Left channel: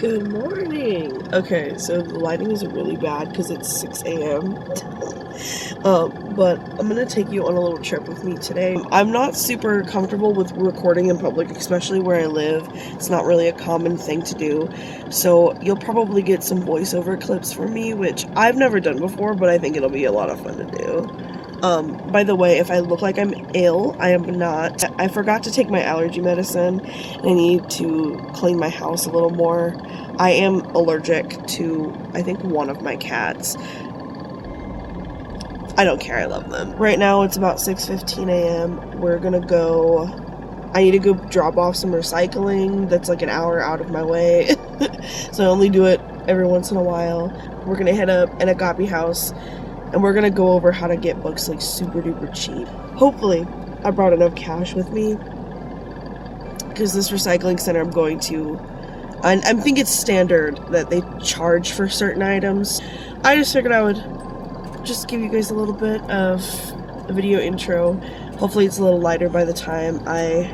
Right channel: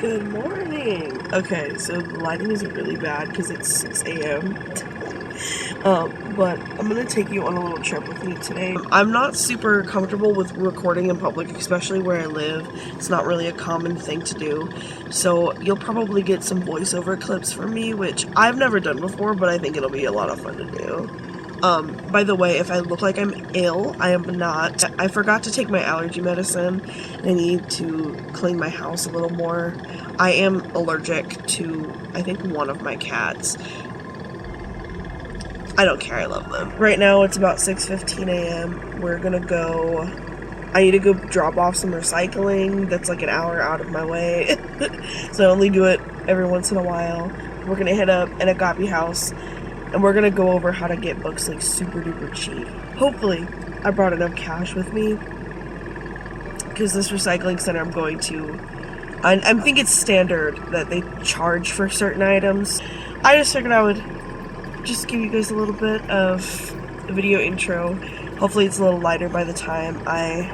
Good morning. Okay, so the lighting is really bad because it's 6 a.m. But I'm gonna take you on a little trip with me today. I'm not super comfortable with recording in public, especially where I live. It's not really a common thing to do. So you'll probably get some voiceover clips from me, which I've never done before, but I think it'll be a lot of fun to do. By the way, if I look like I'm ill, I am not. I forgot to take my allergy medicine. I need to clean my house a little more. I am allergic to, I think, one of my cats. I don't care, I love them. Right now it's about 6:15 a.m. We're gonna go, I need to go drop off some recycling that's like an hour out of my way. So I only do it every once in a while. We're gonna hit up an Agape House and we're gonna go over how to get books like super duper cheap. Hopefully, I brought enough cash with me because this recycling center I'm going to, I think it's standard that they charge for certain items. I just figured I would just give you guys a little bit of a video intro. Hopefully it's a little lighter by the time I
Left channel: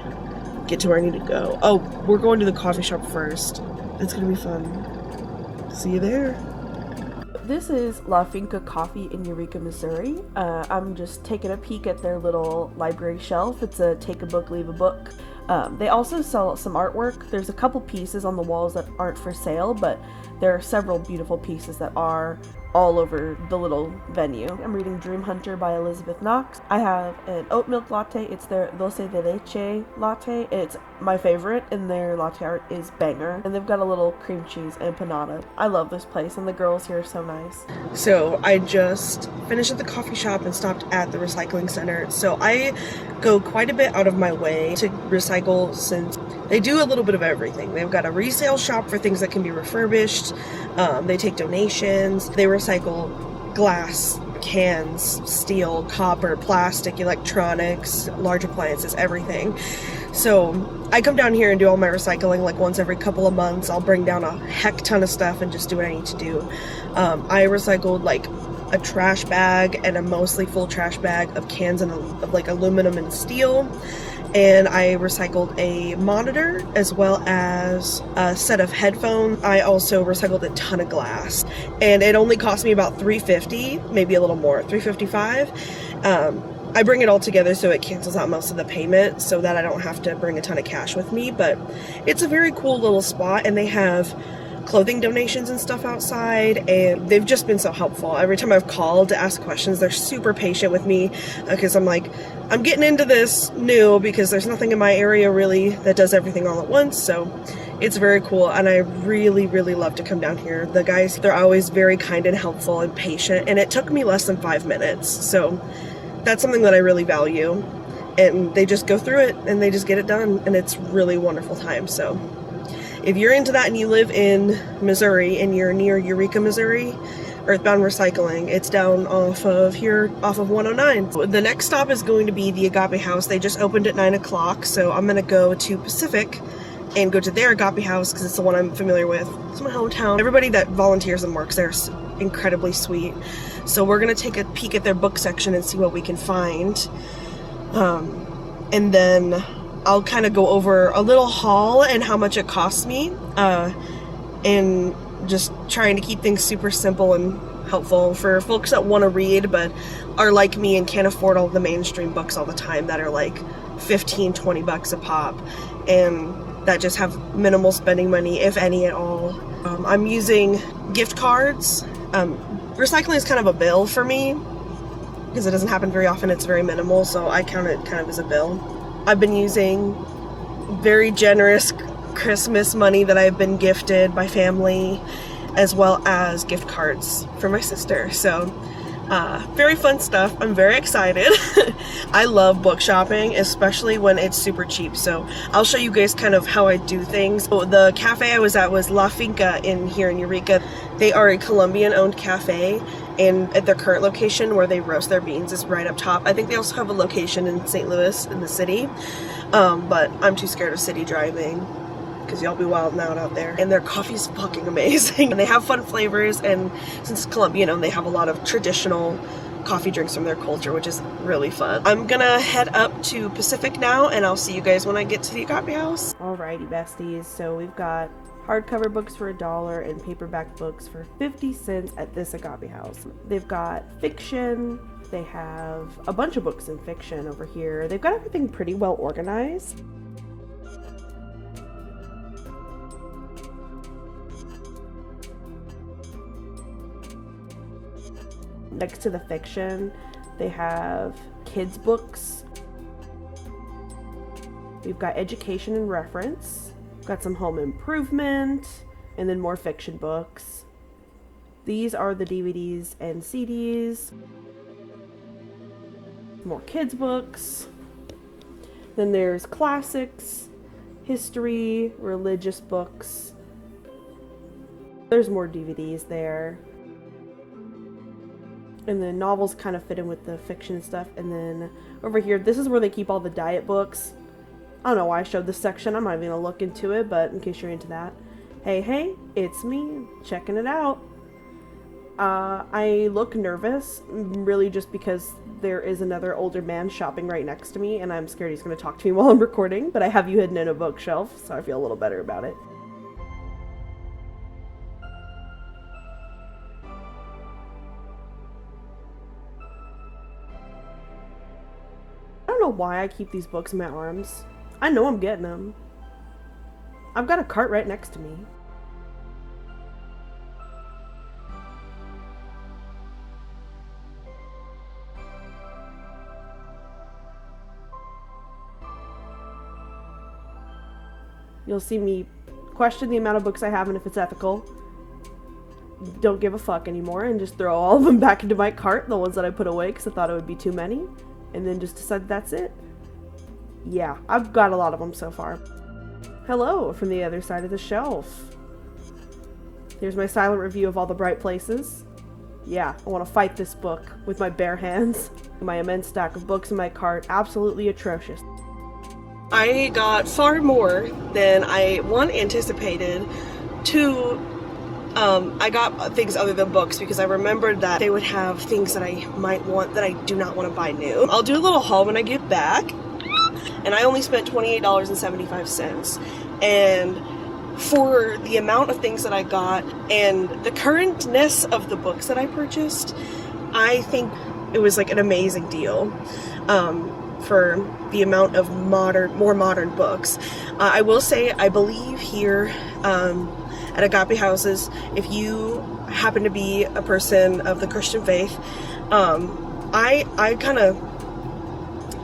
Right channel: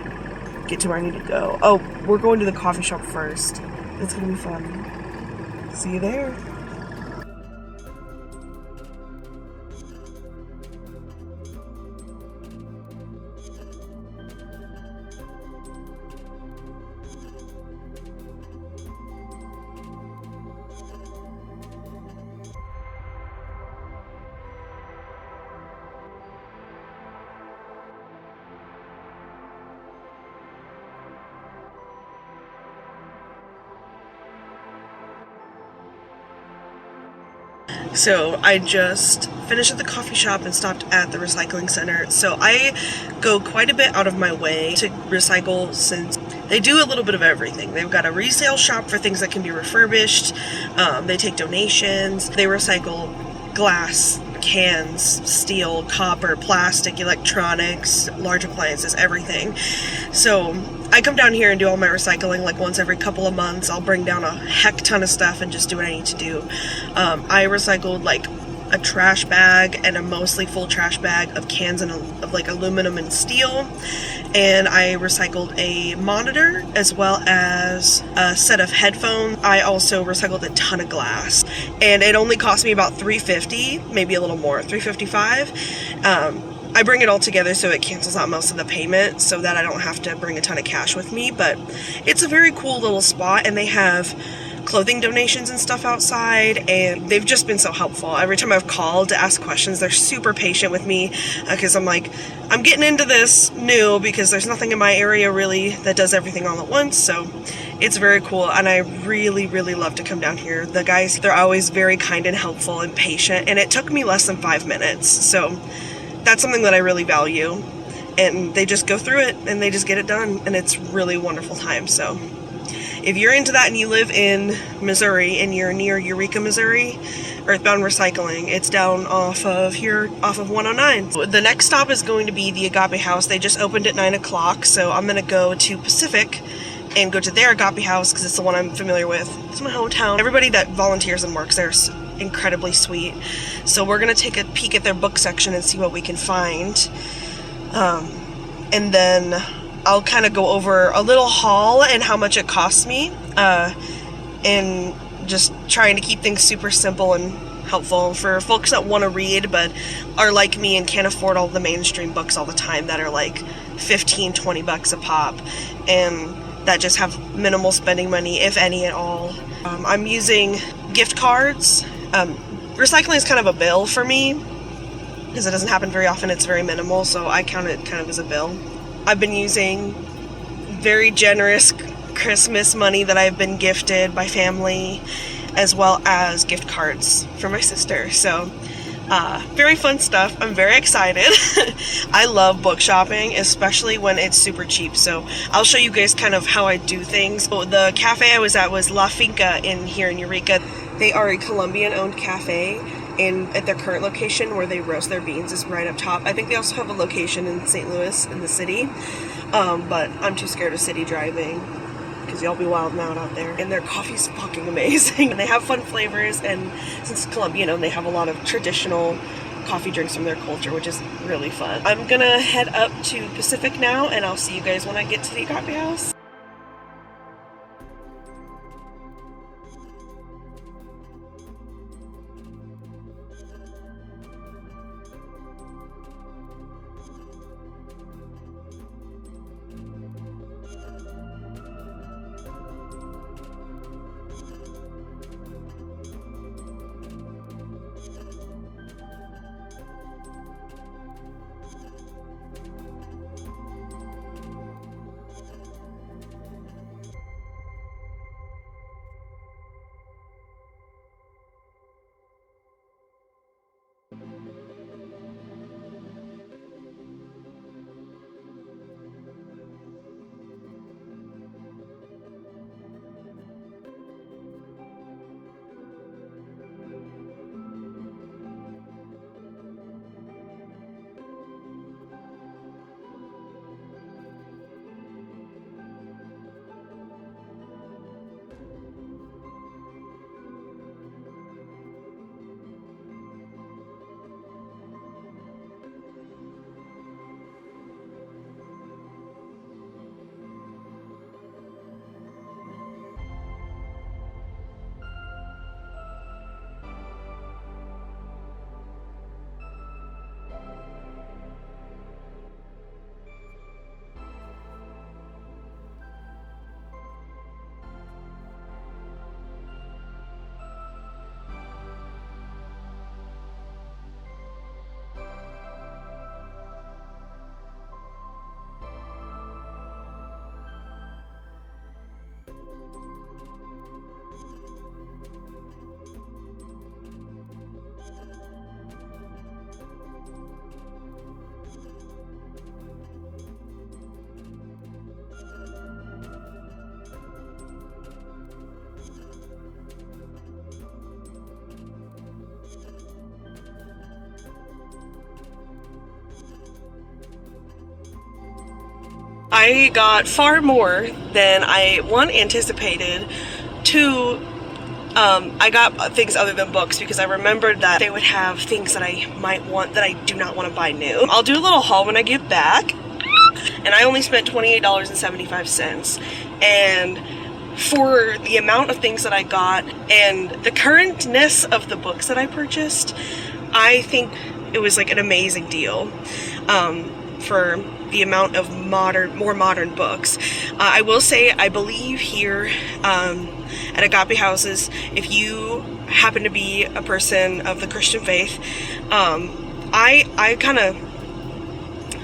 get to where I need to go. Oh, we're going to the coffee shop first. It's gonna be fun. See you there. This is La Finca Coffee in Eureka, Missouri. I'm just taking a peek at their little library shelf. It's a take a book, leave a book. They also sell some artwork. There's a couple pieces on the walls that aren't for sale, but there are several beautiful pieces that are all over the little venue. I'm reading Dream Hunter by Elizabeth Knox. I have an oat milk latte. It's their dulce de leche latte. It's my favorite, and their latte art is banger. And they've got a little cream cheese empanada. I love this place, and the girls here are so nice. So I just finished at the coffee shop and stopped at the recycling center. So I go quite a bit out of my way to recycle since they do a little bit of everything. They've got a resale shop for things that can be refurbished. They take donations. They recycle glass, cans, steel, copper, plastic, electronics, large appliances, everything. So I come down here and do all my recycling like once every couple of months. I'll bring down a heck ton of stuff and just do what I need to do. I recycled like a trash bag and a mostly full trash bag of cans and of like aluminum and steel. And I recycled a monitor as well as a set of headphones. I also recycled a ton of glass, and it only cost me about $3.50, maybe a little more, $3.55. I bring it all together so it cancels out most of the payment so that I don't have to bring a ton of cash with me, but it's a very cool little spot, and they have clothing donations and stuff outside, and they've just been so helpful. Every time I've called to ask questions, they're super patient with me because I'm like, I'm getting into this new because there's nothing in my area really that does everything all at once, so it's very cool, and I really, really love to come down here. The guys, they're always very kind and helpful and patient, and it took me less than 5 minutes, so that's something that I really value, and they just go through it and they just get it done, and it's really wonderful time. So if you're into that and you live in Missouri and you're near Eureka, Missouri, Earthbound Recycling, it's down off of 109. The next stop is going to be the Agape House. They just opened at 9 o'clock, so I'm going to go to Pacific and go to their Agape House because it's the one I'm familiar with. It's my hometown. Everybody that volunteers and works there is incredibly sweet. So we're going to take a peek at their book section and see what we can find. And then I'll kind of go over a little haul and how much it costs me, and just trying to keep things super simple and helpful for folks that want to read but are like me and can't afford all the mainstream books all the time that are like $15-20 a pop, and that just have minimal spending money, if any at all. I'm using gift cards. Recycling is kind of a bill for me because it doesn't happen very often. It's very minimal, so I count it kind of as a bill. I've been using very generous Christmas money that I've been gifted by family, as well as gift cards for my sister. So very fun stuff. I'm very excited. I love book shopping, especially when it's super cheap. So I'll show you guys kind of how I do things. So the cafe I was at was La Finca here in Eureka. They are a Colombian-owned cafe, and at their current location where they roast their beans is right up top. I think they also have a location in St. Louis in the city, but I'm too scared of city driving because y'all be wilding out there. And their coffee's fucking amazing. And they have fun flavors, and since it's Colombian, they have a lot of traditional coffee drinks from their culture, which is really fun. I'm gonna head up to Pacific now, and I'll see you guys when I get to the Agape House. Alright, Mighty Besties. So we've got hardcover books for $1 and paperback books for 50 cents at this Agape House. They've got fiction. They have a bunch of books in fiction over here. They've got everything pretty well organized. Next to the fiction, they have kids books. We've got education and reference. We've got some home improvement, and then more fiction books. These are the DVDs and CDs. More kids books. Then there's classics, history, religious books. There's more DVDs there. And then novels kind of fit in with the fiction stuff. And then over here, this is where they keep all the diet books. I don't know why I showed this section. I'm not even gonna look into it, but in case you're into that. Hey, it's me, checking it out. I look nervous, really just because there is another older man shopping right next to me, and I'm scared he's gonna talk to me while I'm recording, but I have you hidden in a bookshelf, so I feel a little better about it. I don't know why I keep these books in my arms. I know I'm getting them. I've got a cart right next to me. You'll see me question the amount of books I have and if it's ethical. Don't give a fuck anymore and just throw all of them back into my cart, the ones that I put away because I thought it would be too many. And then just decide that's it. Yeah, I've got a lot of them so far. Hello from the other side of the shelf. Here's my silent review of all the bright places. Yeah, I want to fight this book with my bare hands. My immense stack of books in my cart, absolutely atrocious. I got far more than I, one, anticipated, two, I got things other than books because I remembered that they would have things that I might want that I do not want to buy new. I'll do a little haul when I get back, and I only spent $28.75, and for the amount of things that I got and the currentness of the books that I purchased, I think it was like an amazing deal. For the amount of more modern books. I will say, I believe here at Agape Houses, if you happen to be a person of the Christian faith,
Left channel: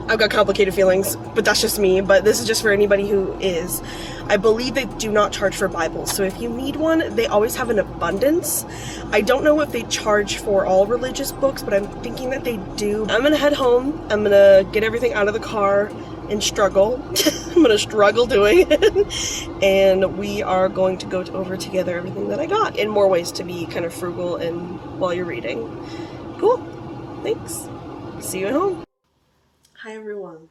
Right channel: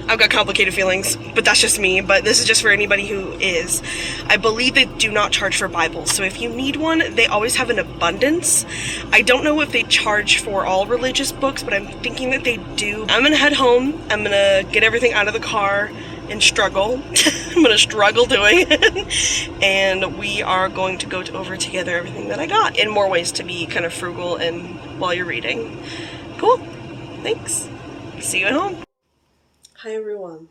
I've got complicated feelings, but that's just me, but this is just for anybody who is. I believe they do not charge for Bibles, so if you need one, they always have an abundance. I don't know if they charge for all religious books, but I'm thinking that they do. I'm gonna head home, I'm gonna get everything out of the car and struggle. I'm gonna struggle doing it, and we are going to go over together everything that I got in more ways to be kind of frugal and while you're reading. Cool, thanks. See you at home. Hi everyone.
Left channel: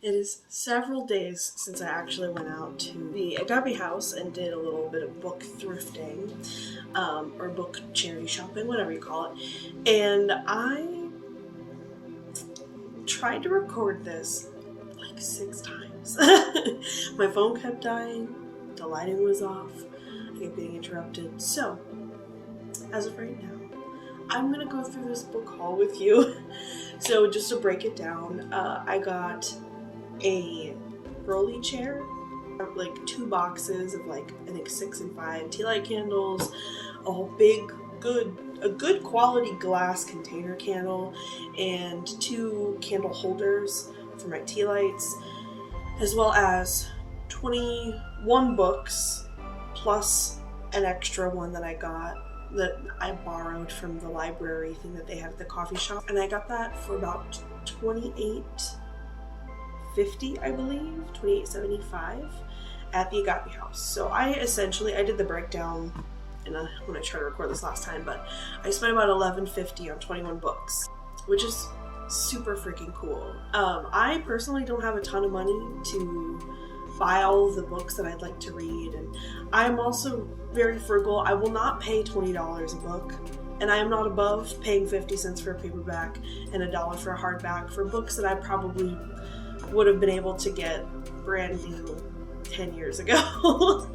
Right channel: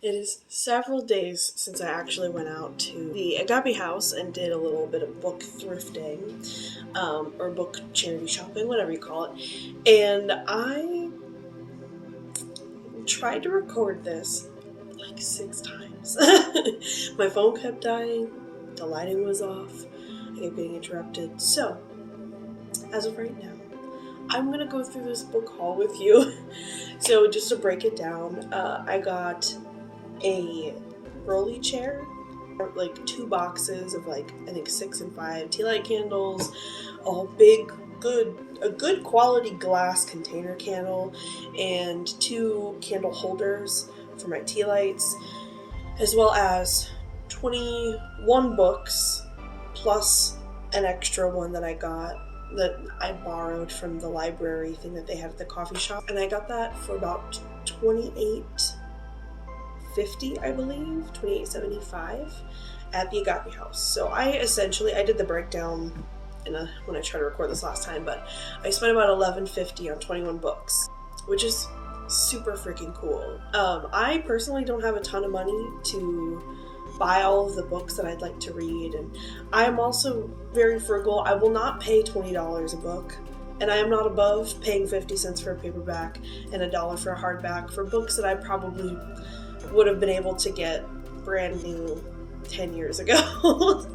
It is several days since I actually went out to the Agape House and did a little bit of book thrifting, or book charity shopping, whatever you call it. And I tried to record this like 6 times. My phone kept dying, the lighting was off, I kept getting interrupted. So, as of right now, I'm gonna go through this book haul with you. So just to break it down, I got a rolly chair, like 2 boxes of like, I think 6 and 5 tea light candles, a good quality glass container candle, and 2 candle holders for my tea lights, as well as 21 books, plus an extra one that I got that I borrowed from the library thing that they had at the coffee shop, and I got that for about $28.50, I believe, $28.75 at the Agape House. So I did the breakdown when I tried to record this last time, but I spent about $11.50 on 21 books, which is super freaking cool. I personally don't have a ton of money to buy all of the books that I'd like to read, and I am also very frugal. I will not pay $20 a book, and I am not above paying 50 cents for a paperback and $1 for a hardback for books that I probably would have been able to get brand new 10 years ago.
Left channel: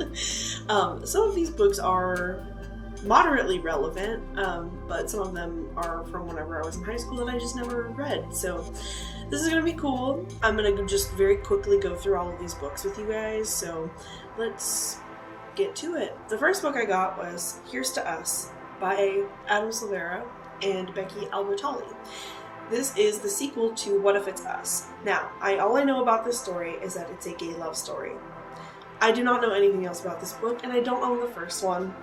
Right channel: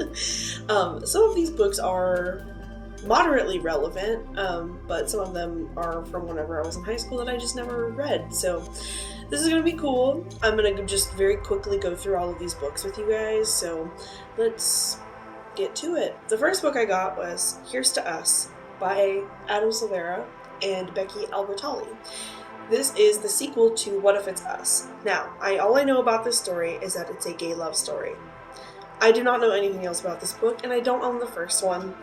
Some of these books are moderately relevant, but some of them are from whenever I was in high school that I just never read. So this is going to be cool. I'm going to just very quickly go through all of these books with you guys. So let's get to it. The first book I got was Here's to Us by Adam Silvera and Becky Albertalli. This is the sequel to What If It's Us. Now, all I know about this story is that it's a gay love story. I do not know anything else about this book, and I don't own the first one,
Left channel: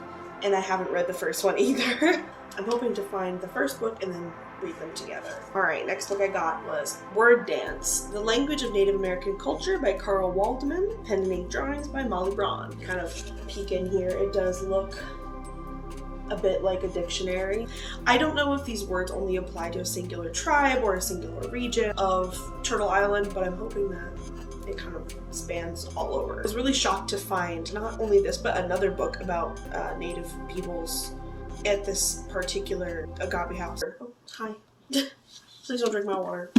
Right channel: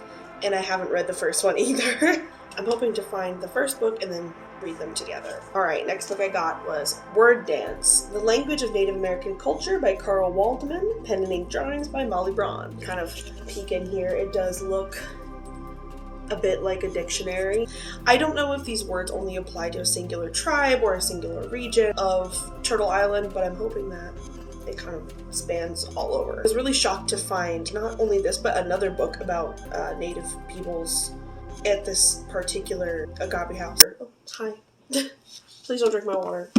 and I haven't read the first one either. I'm hoping to find the first book and then read them together. Alright, next book I got was Word Dance, The Language of Native American Culture by Carl Waldman, pen and ink drawings by Molly Braun. Kind of peek in here, it does look a bit like a dictionary. I don't know if these words only apply to a singular tribe or a singular region of Turtle Island, but I'm hoping that it kind of spans all over. I was really shocked to find not only this, but another book about Native peoples at this particular Agape House. Oh, hi. Please don't drink my water.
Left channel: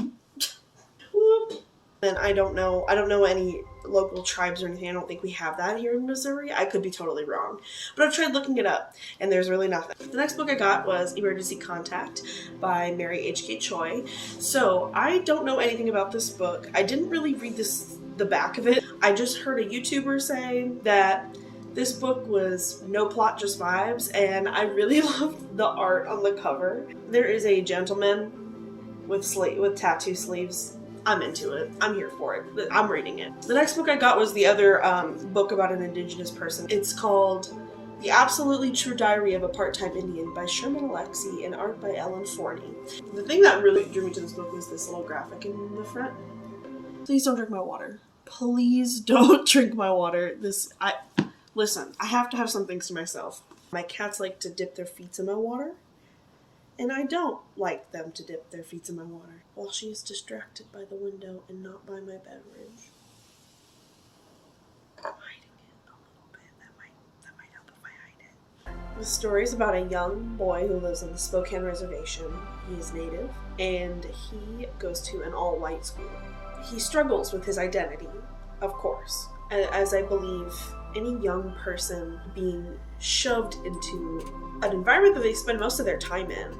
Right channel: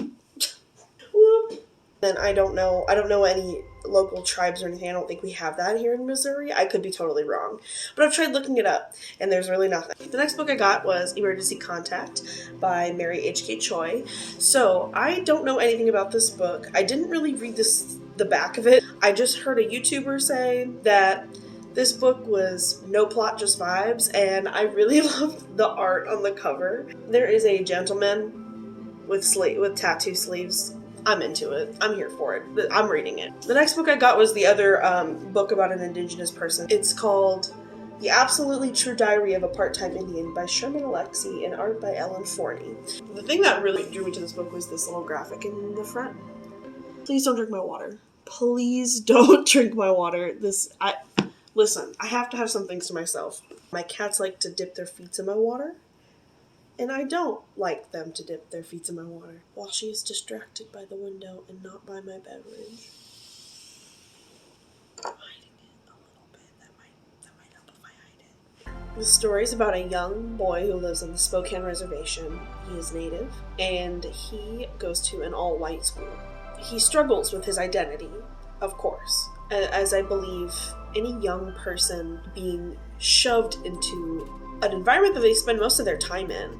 Whoop. Then I don't know any local tribes or anything. I don't think we have that here in Missouri. I could be totally wrong. But I've tried looking it up, and there's really nothing. The next book I got was Emergency Contact by Mary H.K. Choi. So I don't know anything about this book. I didn't really read the back of it. I just heard a YouTuber say that this book was no plot, just vibes, and I really loved the art on the cover. There is a gentleman with tattoo sleeves. I'm into it. I'm here for it. I'm reading it. The next book I got was the other book about an indigenous person. It's called The Absolutely True Diary of a Part-Time Indian by Sherman Alexie and art by Ellen Forney. The thing that really drew me to this book was this little graphic in the front. Please don't drink my water. Please don't drink my water. Listen, I have to have some things to myself. My cats like to dip their feet in my water, and I don't like them to dip their feet in my water while she is distracted by the window and not by my beverage. I'm hiding it a little bit. That might help if I hide it. The story is about a young boy who lives on the Spokane Reservation. He is Native, and he goes to an all-white school. He struggles with his identity, of course, as I believe any young person being shoved into an environment that they spend most of their time in,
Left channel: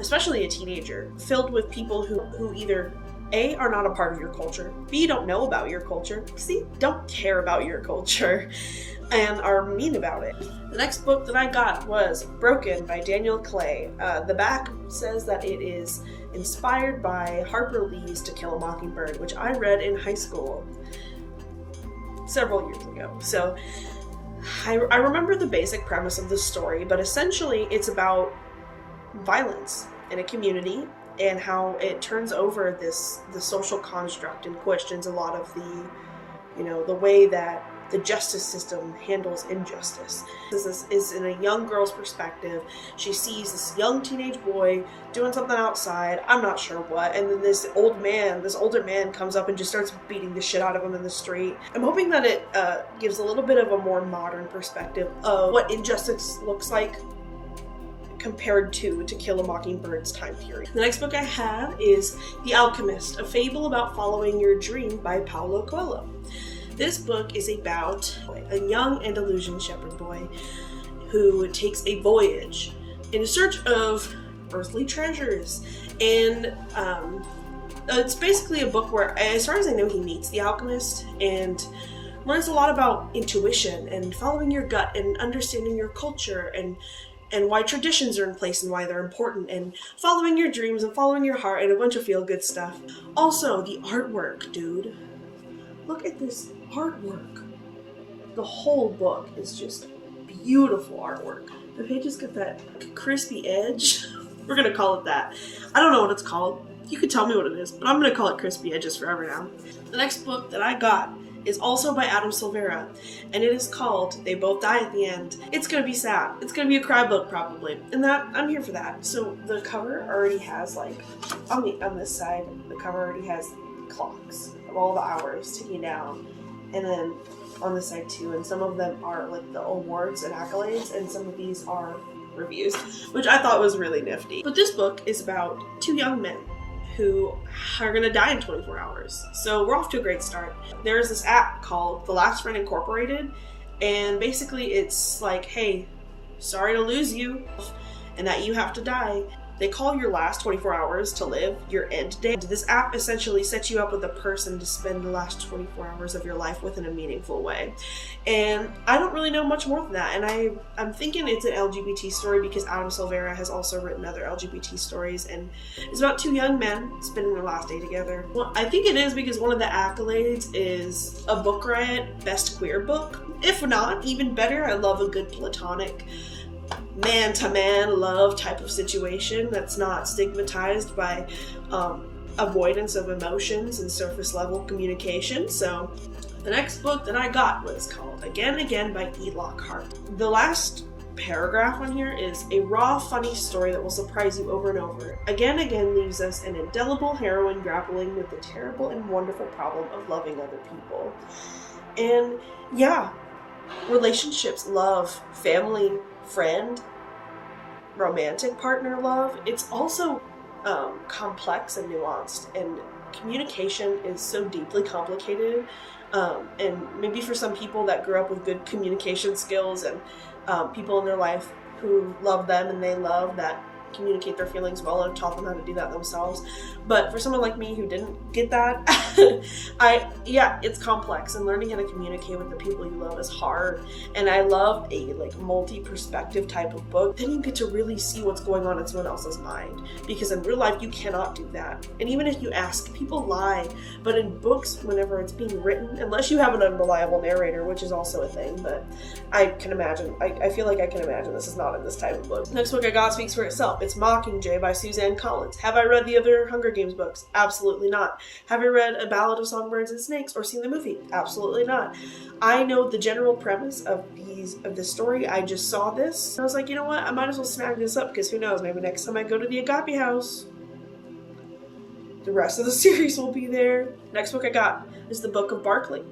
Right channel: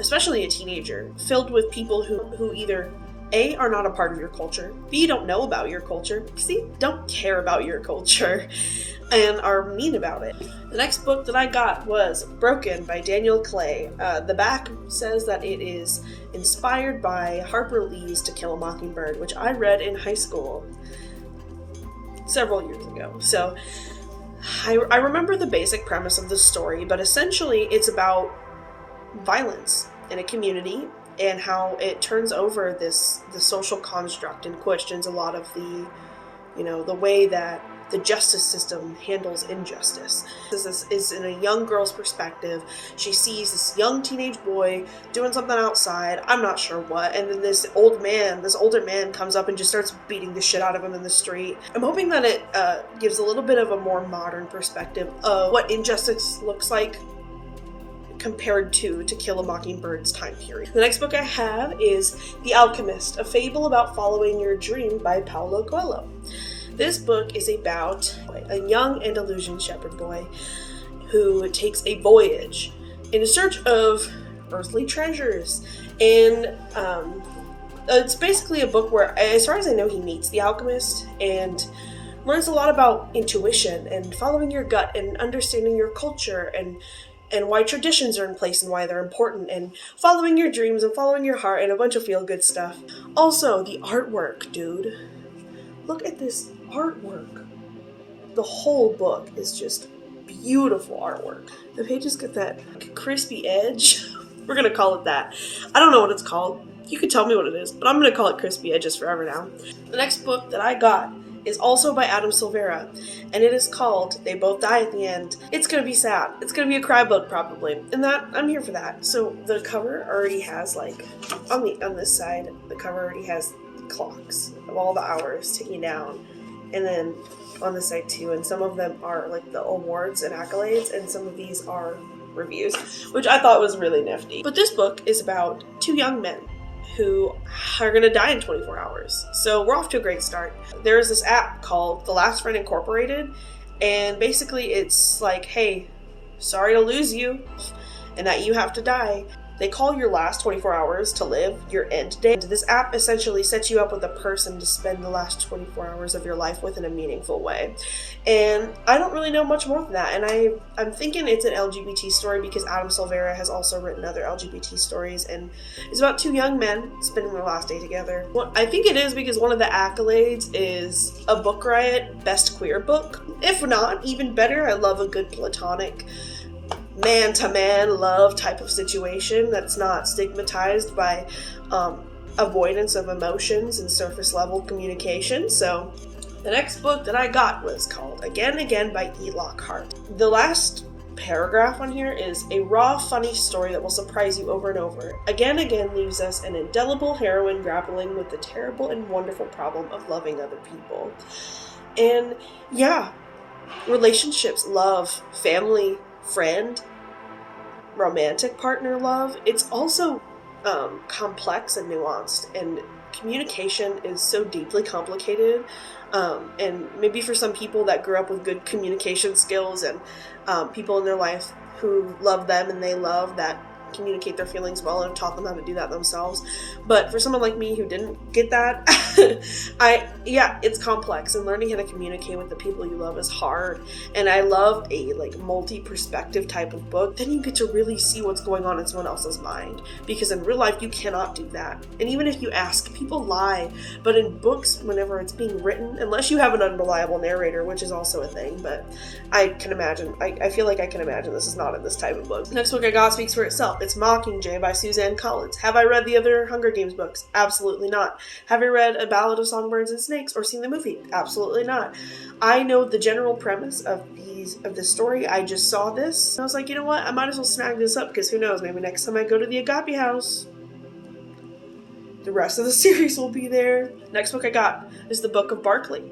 especially a teenager, filled with people who either A, are not a part of your culture, B, don't know about your culture, C, don't care about your culture, and are mean about it. The next book that I got was Broken by Daniel Clay. The back says that it is inspired by Harper Lee's To Kill a Mockingbird, which I read in high school several years ago. So I remember the basic premise of the story, but essentially it's about violence in a community and how it turns over the social construct and questions a lot of the way that the justice system handles injustice. This is in a young girl's perspective. She sees this young teenage boy doing something outside, I'm not sure what, and then this older man comes up and just starts beating the shit out of him in the street. I'm hoping that it gives a little bit of a more modern perspective of what injustice looks like compared to Kill a Mockingbird's time period. The next book I have is The Alchemist, a fable about following your dream by Paulo Coelho. This book is about a young Andalusian shepherd boy who takes a voyage in search of earthly treasures. And it's basically a book where, as far as I know, he meets the alchemist and learns a lot about intuition and following your gut and understanding your culture and why traditions are in place and why they're important, and following your dreams and following your heart and a bunch of feel-good stuff. Also, the artwork, dude. Look at this artwork. The whole book is just beautiful artwork. The pages get that crispy edge. We're gonna call it that. I don't know what it's called. You could tell me what it is, but I'm gonna call it crispy edges forever now. The next book that I got is also by Adam Silvera, and it is called They Both Die at the End. It's gonna be sad. It's gonna be a cry book probably, and that I'm here for that. So the cover already has, like, on this side, the cover already has clocks of all the hours ticking down, and then on this side too, and some of them are like the awards and accolades, and some of these are reviews, which I thought was really nifty. But this book is about two young men who are going to die in 24 hours. So we're off to a great start. There's this app called The Last Friend Incorporated, and basically it's like, hey, sorry to lose you and that you have to die. They call your last 24 hours to live your end day. This app essentially sets you up with a person to spend the last 24 hours of your life with in a meaningful way. And I don't really know much more than that. And I'm thinking it's an LGBT story because Adam Silvera has also written other LGBT stories. And it's about two young men spending their last day together. Well, I think it is because one of the accolades is a Book Riot Best Queer Book. If not, even better, I love a good platonic man-to-man love type of situation that's not stigmatized by avoidance of emotions and surface level communication. So the next book that I got was called Again Again by E. Lockhart. The last paragraph on here is a raw, funny story that will surprise you over and over. Again Again leaves us an indelible heroine grappling with the terrible and wonderful problem of loving other people. And yeah, relationships, love, family, friend, romantic partner love, it's also complex and nuanced, and communication is so deeply complicated, and maybe for some people that grew up with good communication skills and people in their life who love them and they love that communicate their feelings well and have taught them how to do that themselves. But for someone like me who didn't get that, it's complex, and learning how to communicate with the people you love is hard. And I love a multi-perspective type of book. Then you get to really see what's going on in someone else's mind, because in real life you cannot do that. And even if you ask, people lie. But in books, whenever it's being written, unless you have an unreliable narrator, which is also a thing, but I can imagine, I feel like I can imagine this is not in this type of book. The next book I got speaks for itself. It's Mockingjay by Suzanne Collins. Have I read the other Hunger Games books? Absolutely not. Have I read A Ballad of Songbirds and Snakes or seen the movie? Absolutely not. I know the general premise of this story. I just saw this. I was like, you know what? I might as well snag this up, because who knows? Maybe next time I go to the Agape House, the rest of the series will be there. Next book I got is The Book of Barkley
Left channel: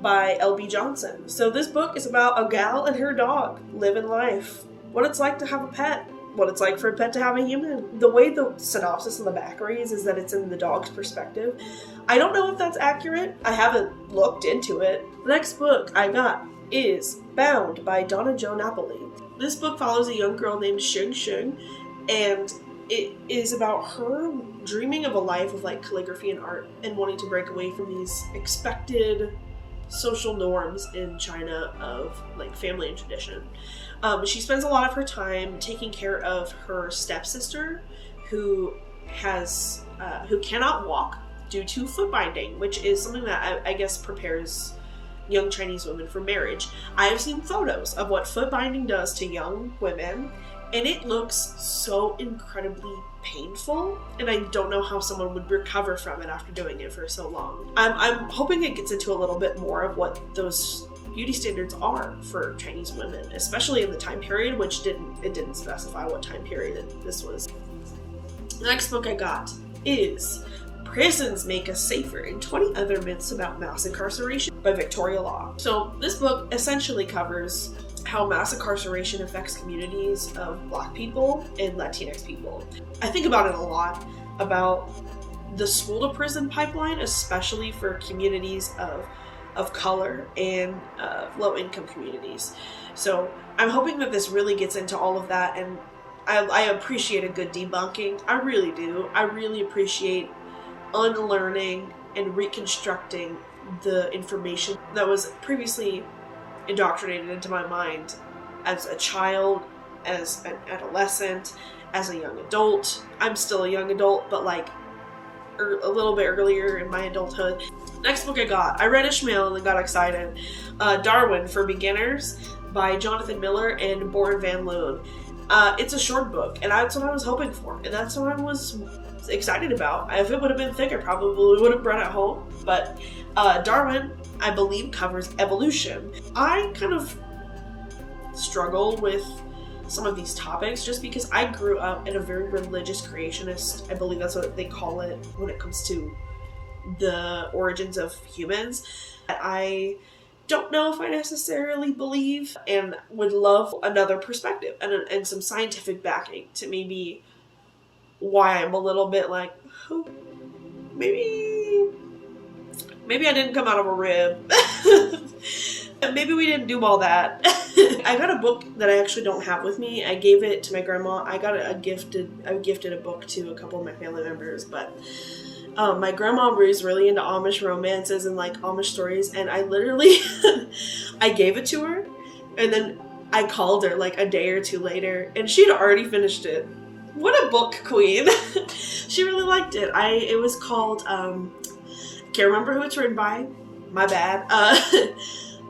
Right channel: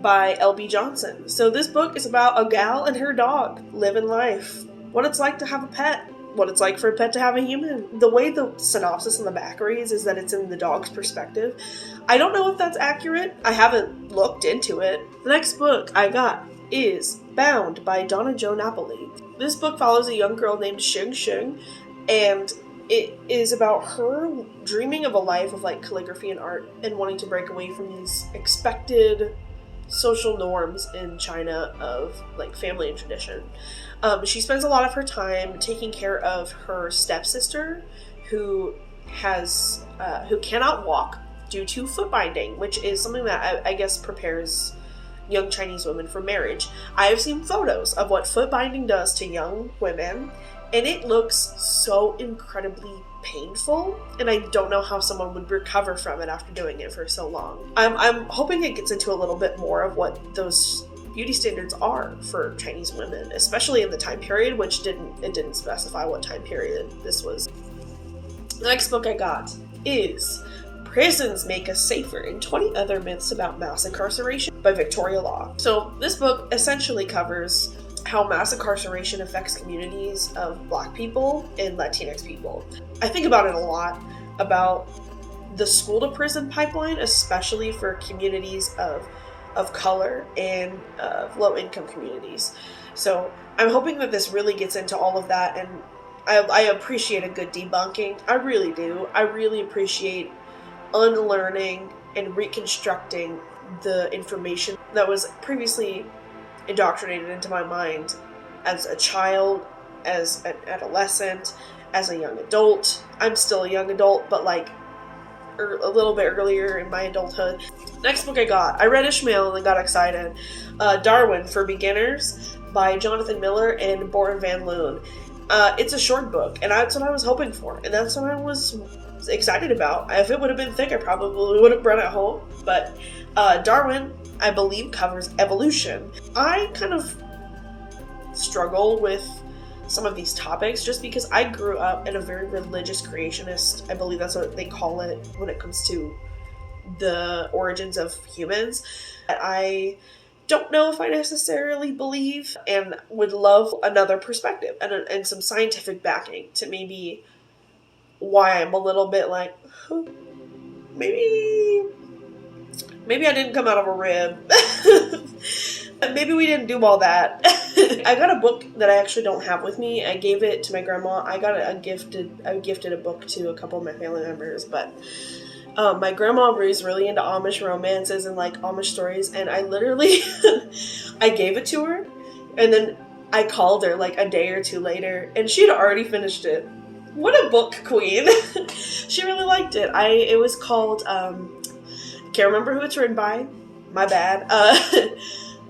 by L.B. Johnson. So this book is about a gal and her dog living life. What it's like to have a pet. What it's like for a pet to have a human. The way the synopsis in the back reads is that it's in the dog's perspective. I don't know if that's accurate. I haven't looked into it. The next book I got is Bound by Donna Jo Napoli. This book follows a young girl named Sheng Sheng, and it is about her dreaming of a life of calligraphy and art and wanting to break away from these expected social norms in China of family and tradition. She spends a lot of her time taking care of her stepsister, who cannot walk due to foot binding, which is something that I guess prepares young Chinese women for marriage. I have seen photos of what foot binding does to young women, and it looks so incredibly painful, and I don't know how someone would recover from it after doing it for so long. I'm hoping it gets into a little bit more of what those beauty standards are for Chinese women, especially in the time period, which didn't specify what time period this was. The next book I got is Prisons Make Us Safer and 20 Other Myths About Mass Incarceration by Victoria Law. So this book essentially covers how mass incarceration affects communities of Black people and Latinx people. I think about it a lot, about the school to prison pipeline, especially for communities of color and low-income communities. So I'm hoping that this really gets into all of that, and I appreciate a good debunking. I really do. I really appreciate unlearning and reconstructing the information that was previously indoctrinated into my mind as a child, as an adolescent, as a young adult. I'm still a young adult, but a little bit earlier in my adulthood. Next book I read Ishmael and then got excited. Darwin for Beginners by Jonathan Miller and Boren Van Loon. It's a short book, and that's what I was hoping for, and that's what I was excited about. If it would have been thick, I probably would have brought it home, but Darwin, I believe, covers evolution. I kind of struggle with some of these topics just because I grew up in a very religious creationist, I believe that's what they call it when it comes to the origins of humans. I don't know if I necessarily believe, and would love another perspective and some scientific backing to maybe why I'm a little bit maybe I didn't come out of a rib. Maybe we didn't do all that. I got a book that I actually don't have with me. I gave it to my grandma. I gifted a book to a couple of my family members, but my grandma was really into Amish romances and like Amish stories, and I literally I gave it to her, and then I called her like a day or two later, and she'd already finished it. What a book queen. She really liked it. It was called I can't remember who it's written by. My bad.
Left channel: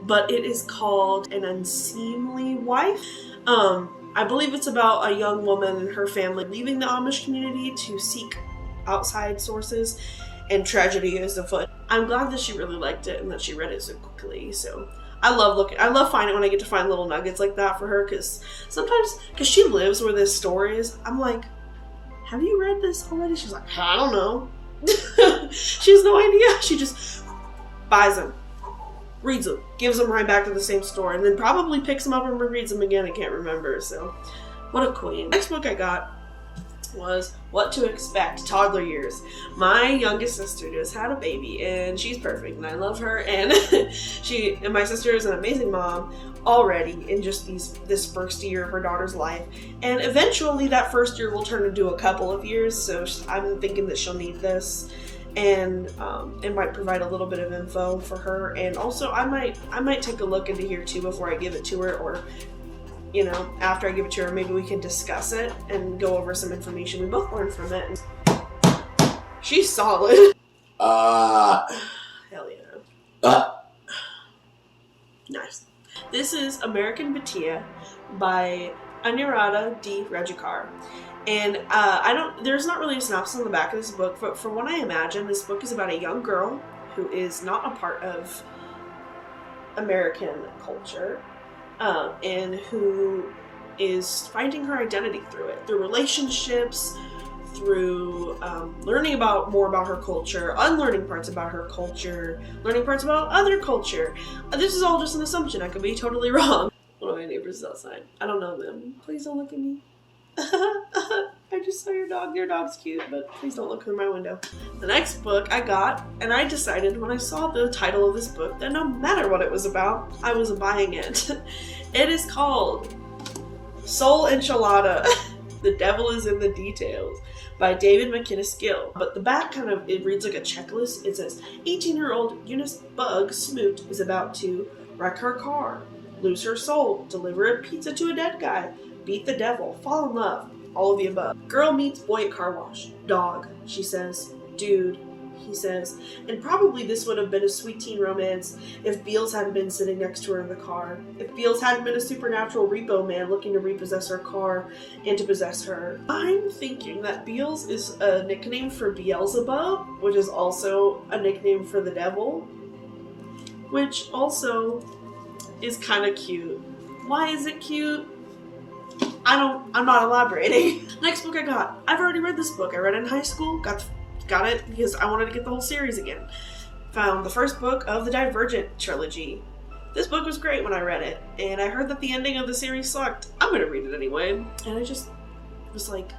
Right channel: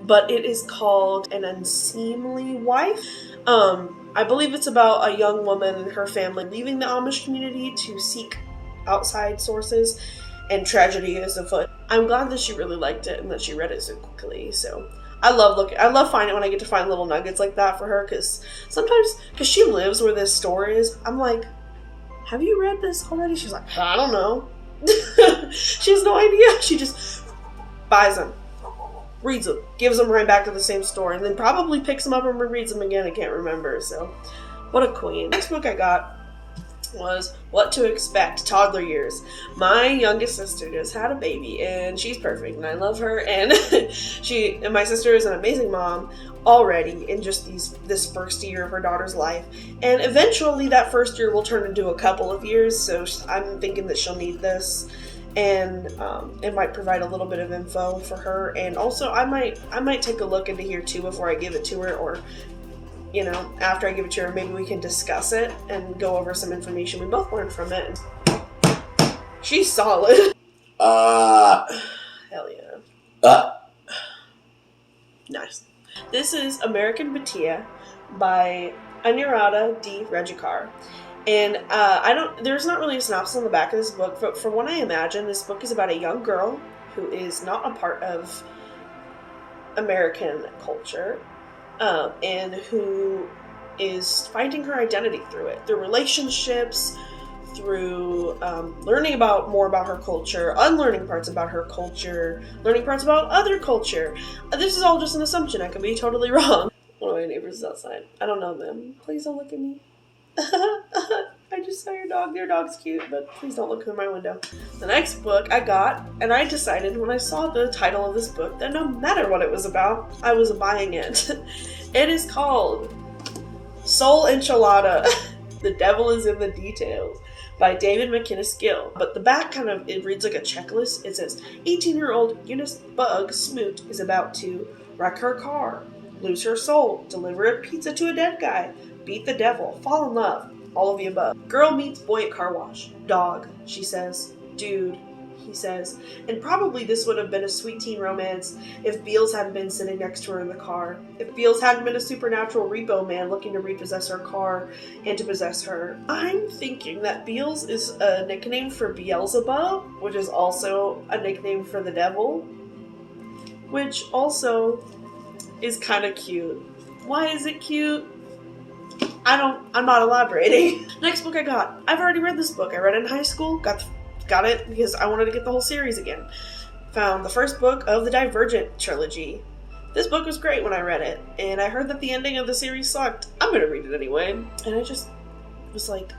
But it is called An Unseemly Wife. I believe it's about a young woman and her family leaving the Amish community to seek outside sources, and tragedy is afoot. I'm glad that she really liked it and that she read it so quickly. So I love finding when I get to find little nuggets like that for her, because sometimes, because she lives where this store is, I'm like, have you read this already? She's like, I don't know. She has no idea. She just buys them, reads them, gives them right back to the same store, and then probably picks them up and rereads them again. I can't remember. So what a queen. Next book I got was What to Expect, Toddler Years. My youngest sister just had a baby, and she's perfect, and I love her, and my sister is an amazing mom already in just this first year of her daughter's life, and eventually that first year will turn into a couple of years, so I'm thinking that she'll need this, and it might provide a little bit of info for her, and also I might take a look into here too before I give it to her, or after I give it to her, maybe we can discuss it and go over some information we both learned from it. She's solid. Hell yeah. Nice. This is American Batia by Anuradha D. Rajikar. And there's not really a synopsis on the back of this book, but from what I imagine, this book is about a young girl who is not a part of American culture. And who is finding her identity through relationships, through learning more about her culture, unlearning parts about her culture, learning parts about other culture. This is all just an assumption. I could be totally wrong. One of my neighbors is outside. I don't know them. Please don't look at me. I just saw your dog. Your dog's cute, but please don't look through my window. The next book I got, and I decided when I saw the title of this book that no matter what it was about, I was buying it. It is called Soul Enchilada. The Devil is in the Details by David McInnes Gill. But the back it reads like a checklist. It says, 18-year-old Eunice Bug Smoot is about to wreck her car, lose her soul, deliver a pizza to a dead guy, beat the devil, fall in love, all of the above. Girl meets boy at car wash. Dog, she says. Dude, he says. And probably this would have been a sweet teen romance if Beals hadn't been sitting next to her in the car. If Beals hadn't been a supernatural repo man looking to repossess her car and to possess her. I'm thinking that Beals is a nickname for Beelzebub, which is also a nickname for the devil, which also is kind of cute. Why is it cute? I'm not elaborating. Next book I got. I've already read this book. I read it in high school. Got it because I wanted to get the whole series again. Found the first book of the Divergent trilogy. This book was great when I read it, and I heard that the ending of the series sucked. I'm gonna read it anyway. And I just was like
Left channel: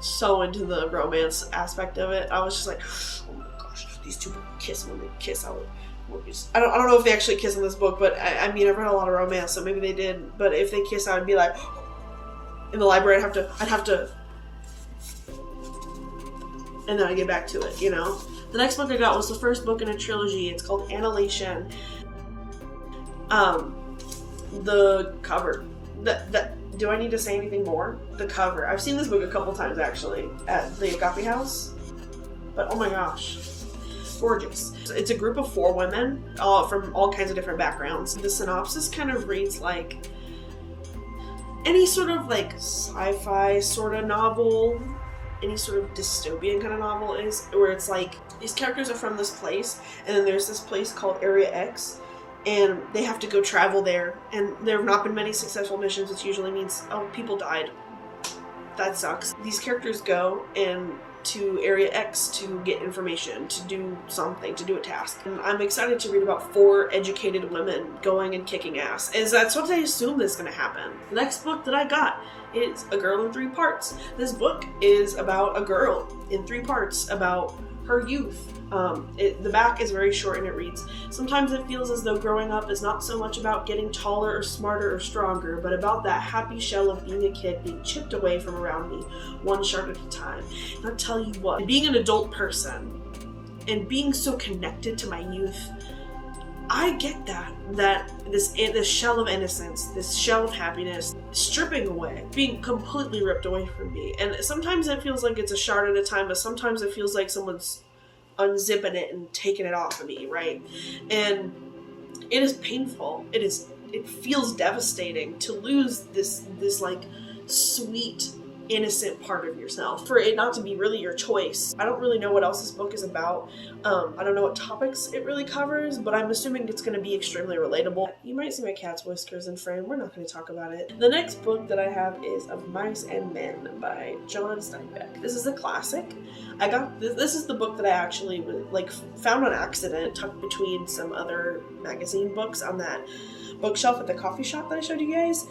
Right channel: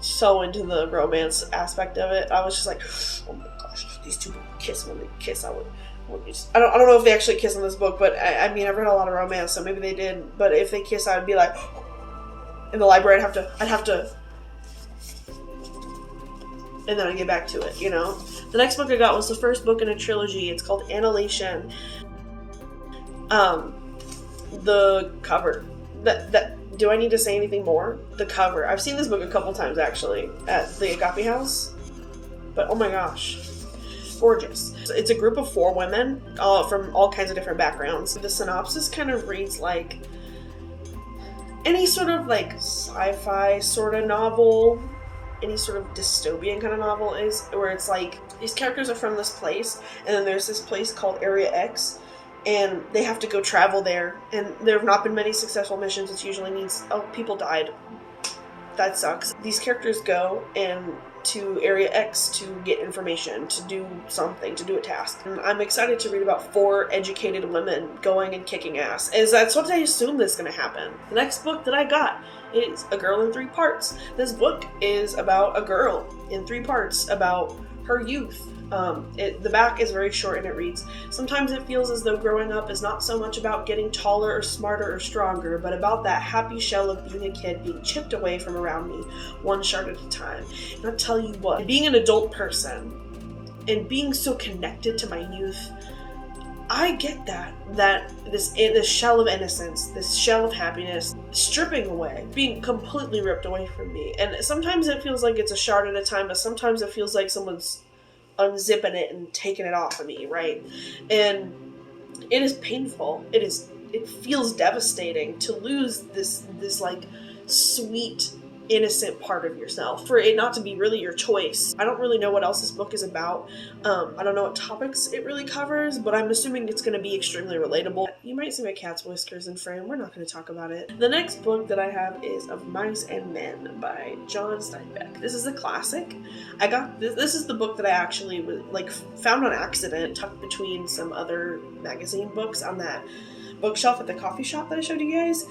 so into the romance aspect of it. I was just like, oh my gosh, these two will kiss. When they kiss, I don't know if they actually kiss in this book, but I mean, I've read a lot of romance, so maybe they did. But if they kiss, I would be like, in the library, I'd have to, and then I get back to it, The next book I got was the first book in a trilogy. It's called Annihilation. The cover. Do I need to say anything more? The cover. I've seen this book a couple times actually at the Agape House, but oh my gosh. Gorgeous. It's a group of 4 women from all kinds of different backgrounds. The synopsis kind of reads like any sort of like sci-fi sort of novel, any sort of dystopian kind of novel is, where it's like these characters are from this place, and then there's this place called Area X, and they have to go travel there, and there have not been many successful missions, which usually means, oh, people died. That sucks. These characters go, and to Area X to get information, to do something, to do a task. And I'm excited to read about 4 educated women going and kicking ass, as that's what I assume is going to happen. The next book that I got is A Girl in 3 Parts. This book is about a girl in 3 parts about her youth. The back is very short and it reads, "Sometimes it feels as though growing up is not so much about getting taller or smarter or stronger, but about that happy shell of being a kid being chipped away from around me, one shard at a time. And I'll tell you what, being an adult person and being so connected to my youth, I get that this shell of innocence, this shell of happiness, stripping away, being completely ripped away from me. And sometimes it feels like it's a shard at a time, but sometimes it feels like someone's unzipping it and taking it off of me, right? And it is painful. It feels devastating to lose this like sweet, innocent part of yourself, for it not to be really your choice. I don't really know what else this book is about. I don't know what topics it really covers, but I'm assuming it's going to be extremely relatable. You might see my cat's whiskers in frame. We're not going to talk about it. The next book that I have is Of Mice and Men by John Steinbeck. This is a classic. I got this is the book that I actually found on accident, tucked between some other magazine books on that bookshelf at the coffee shop that I showed you guys,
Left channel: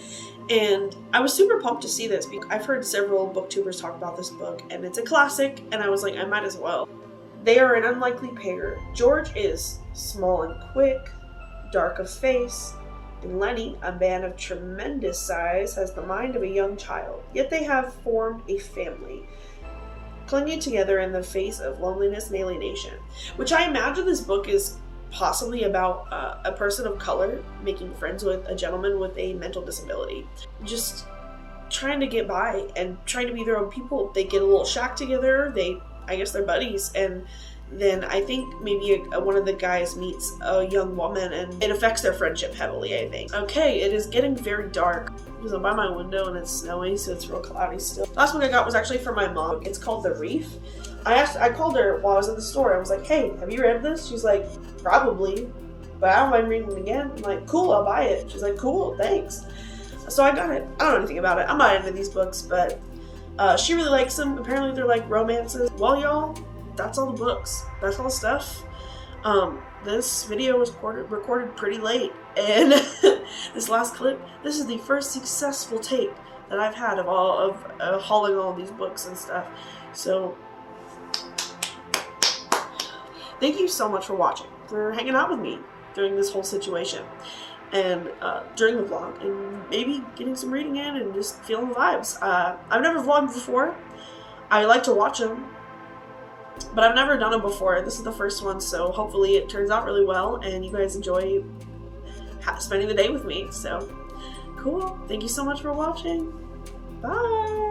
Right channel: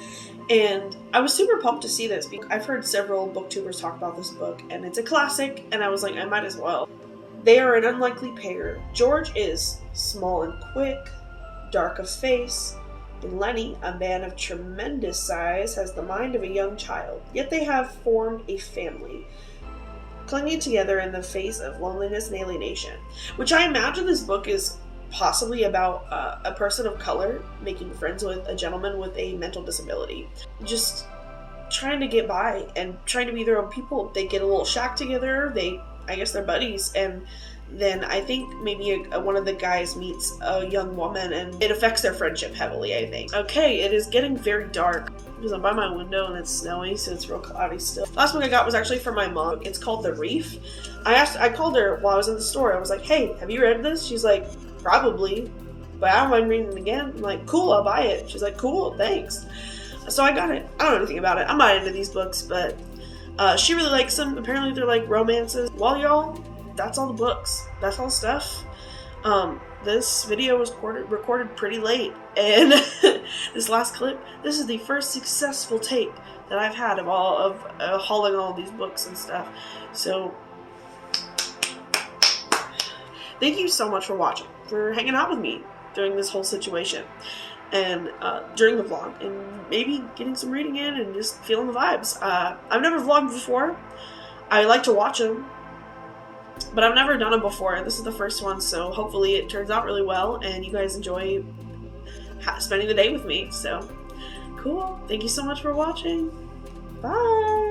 and I was super pumped to see this because I've heard several booktubers talk about this book, and it's a classic, and I was like, I might as well. They are an unlikely pair. George is small and quick, dark of face, and Lenny, a man of tremendous size, has the mind of a young child. Yet they have formed a family, clinging together in the face of loneliness and alienation, which I imagine this book is possibly about a person of color making friends with a gentleman with a mental disability, just trying to get by and trying to be their own people. They get a little shack together, I guess they're buddies, and then I think maybe one of the guys meets a young woman and it affects their friendship heavily, I think. Okay, it is getting very dark because I'm by my window and it's snowy, so it's real cloudy still. Last book I got was actually for my mom. It's called The Reef. I called her while I was in the store. I was like, hey, have you read this? She's like, probably, but I don't mind reading it again. I'm like, cool, I'll buy it. She's like, cool, thanks. So I got it. I don't know anything about it. I'm not into these books, but she really likes them. Apparently they're like romances. Well, y'all, that's all the books. That's all the stuff. This video was recorded pretty late, and this last clip, this is the first successful take that I've had of hauling all of these books and stuff. So thank you so much for watching, for hanging out with me during this whole situation, and during the vlog, and maybe getting some reading in and just feeling the vibes. I've never vlogged before. I like to watch them, but I've never done them before. This is the first one, so hopefully it turns out really well and you guys enjoy spending the day with me. So cool. Thank you so much for watching. Bye.